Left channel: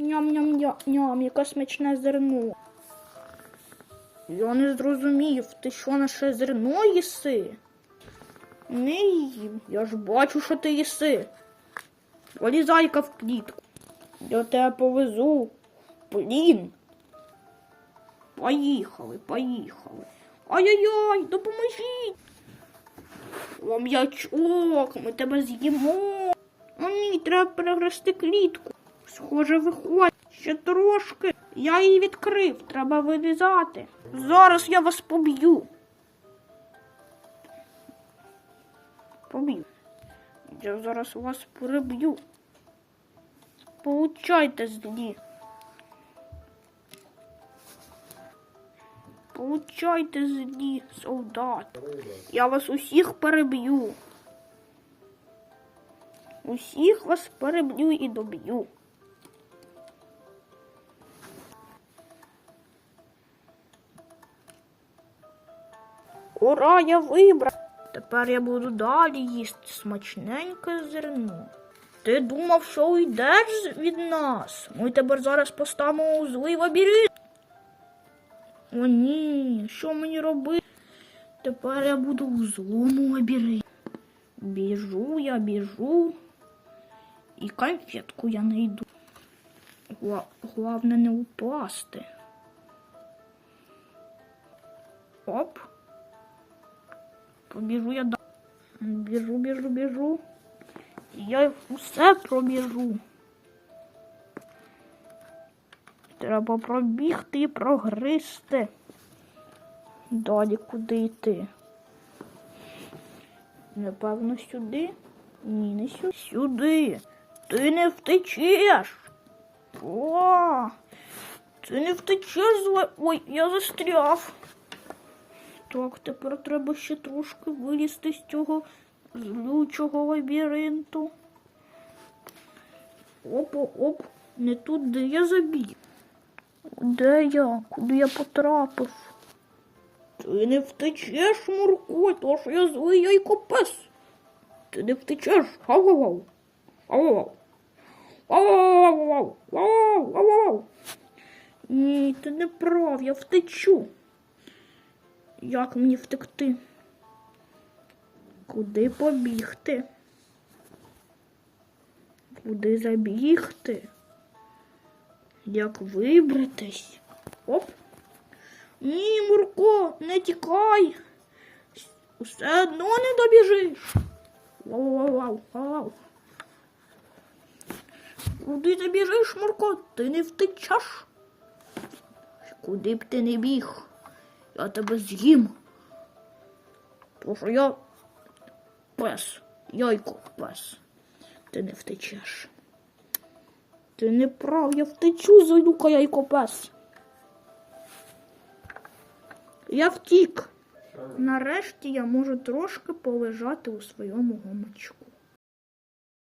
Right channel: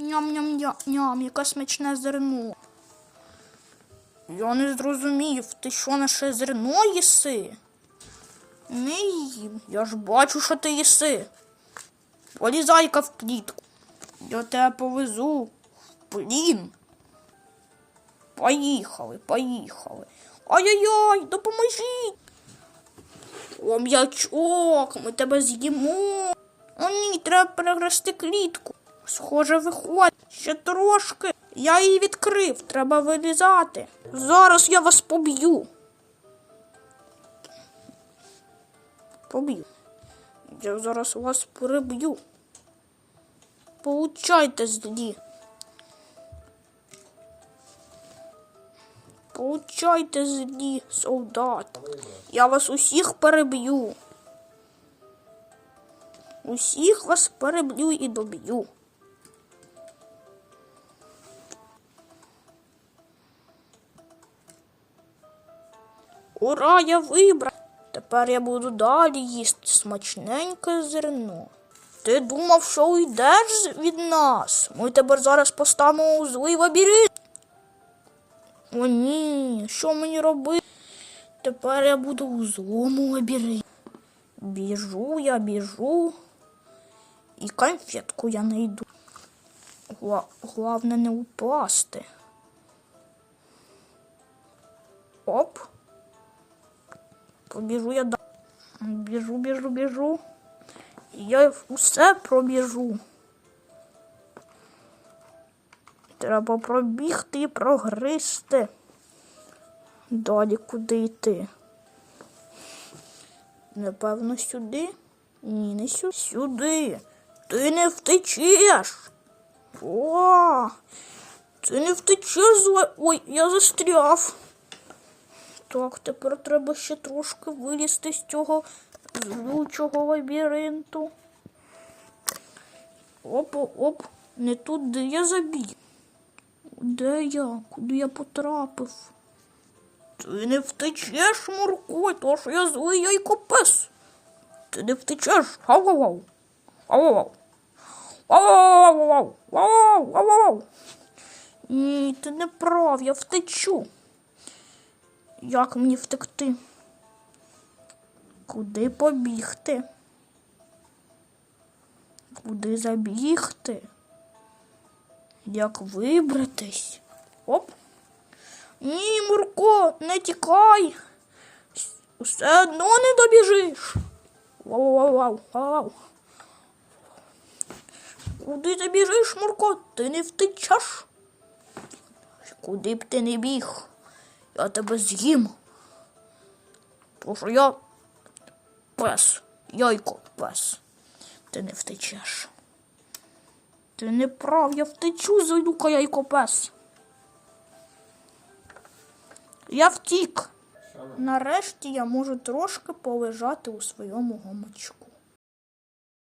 Ням-ням-ням, яке смачне зерно. Я не зрозумів, ти що наше зерно їси? Не їм. Я ж бачу, що ти їси. Полізай-ка в клітку. Я тебе повезу. Блін. Поїхали, поїхали. Ай-яй-яй, допоможіть. О, м'ячок, ми тебе з'їмо. О, ні, треба перегрести клітку. Схоже, виходь. Ще трошки. Я її відкрив, треба вилізати. Зараз я вас поб'ю. Поб'ю. Я зараз вас переб'ю. Получайте злі. Получайте злі, солдат. Я вас усіх переб'ю. Усіх вас переб'ю і доб'ю. Ура, я вибрав. Тепер я буду далі їсти смачненьке зерно. Ти думав, що уйдеш від нас? Ми тебе зараз поставимо у злий лабіринт. О, ні, що мені робити? Тепер я буду у злому лабіринті. Біжу, я біжу. І конфетку я знайду. Гла... Головне не упасти. Побіжу я далі. Біжу, біжу, біжу. Я усе пробіжу. Треба пробігти і прогристи. Далі куди йти? Напевно, сюди? Ні, не сюди. Сюди. Ти не втечеш. О, ти не втечеш зле. Ой, я застряв. Так, тепер треба ще трошки вилізти з цього злючого лабіринту. Оп, оп, не туди я забіг. Де я? Куди я потрапив? Ти не втечеш, Мурко, то що я злий яйкопес. Ти не втечеш. Ау-ау-ау. Ау-ау. Ау-ау-ау. Ау-ау-ау. Ні, ти не прав, я втечу. Як мені втекти? Куди побігти? Куди забігти? Як вибратись? Оп. Ні, Мурко, не тікай. Все одно не добіжиш. Вау-вау-вау. Куди ти біжиш, Мурко? Ти не втечеш. Куди б ти не біг? Я тебе з'їм. Тому що я пес, яйко пес. Ти не втечеш. Ти не прав, я втечу, злюка яйко пес. Я втік. Нарешті я можу трошки полежати у своєму гамачку.